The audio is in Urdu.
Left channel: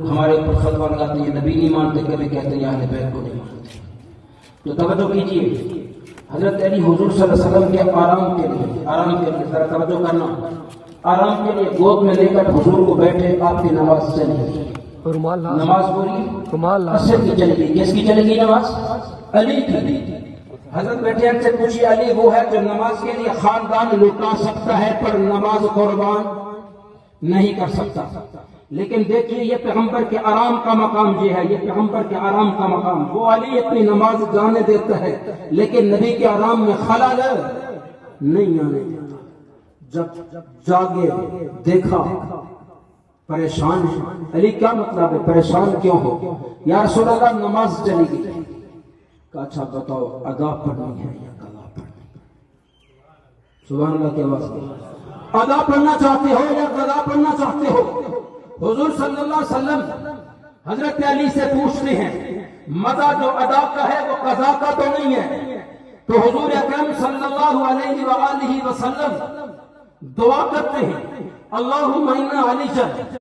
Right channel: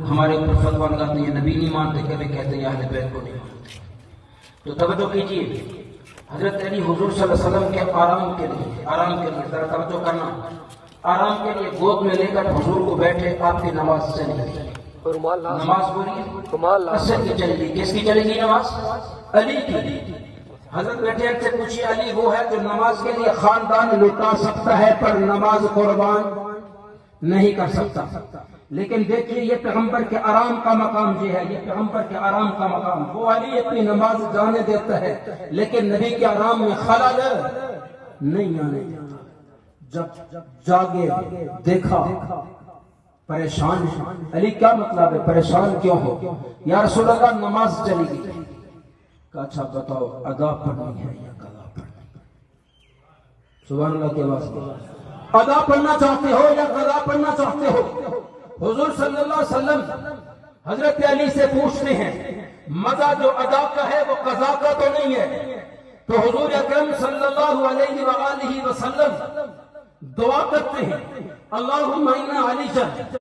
ہمارے اوپر فتویٰ لگاتے ہیں نبی نہیں مانتے، کبھی کہتے ہیں اہل بیت کو نہیں مانتے۔ تو توجہ کیجیے، حضرت علی حضور صلی اللہ علیہ وسلم کے آرام کے لیے ذرا توجہ کرنا، آرام کے لیے گود میں لے کر حضور کو بیٹھے، آپ کی نماز چل گئی، نماز پوری عصر کی چل گئی۔ کس کی چل گئی نماز؟ علی کی۔ حضرت بیٹھے سے پوچھی، علی وہ ہے جو نماز کے لیے خاندان لٹا سکتا ہے پر نماز قربان نہیں کر سکتا۔ لیکن دیکھیے یہ پیغمبر کے آرام کا مقام یہ ہے، یہ پیغمبر کے آرام کا مقام۔ وہ علی اپنی نماز جانے دیتا ہے لیکن نبی کے آرام میں خلل نہیں آنے دیتا۔ جب جاگے دیکھا پریشان ہے، علی کیا مطلب ہے پریشان کیوں ہو؟ یا رسول اللہ نماز چلی گئی۔ کہا اچھا بتاؤ ادا پڑھنی ہے یا قضا پڑھنی؟ سبحان اللہ کے واسطے، ادا پڑھنا چاہتے ہو یا قضا پڑھنا چاہتے ہو؟ حضور صلی اللہ علیہ وسلم حضرت علی سے پوچھتے ہیں، مزہ جو ادا کا ہے وہ قضا کا تو نہیں ہے؟ تو حضور اکرم صلی اللہ علیہ وآلہ وسلم دعا کرتے ہیں، اللہم انا علی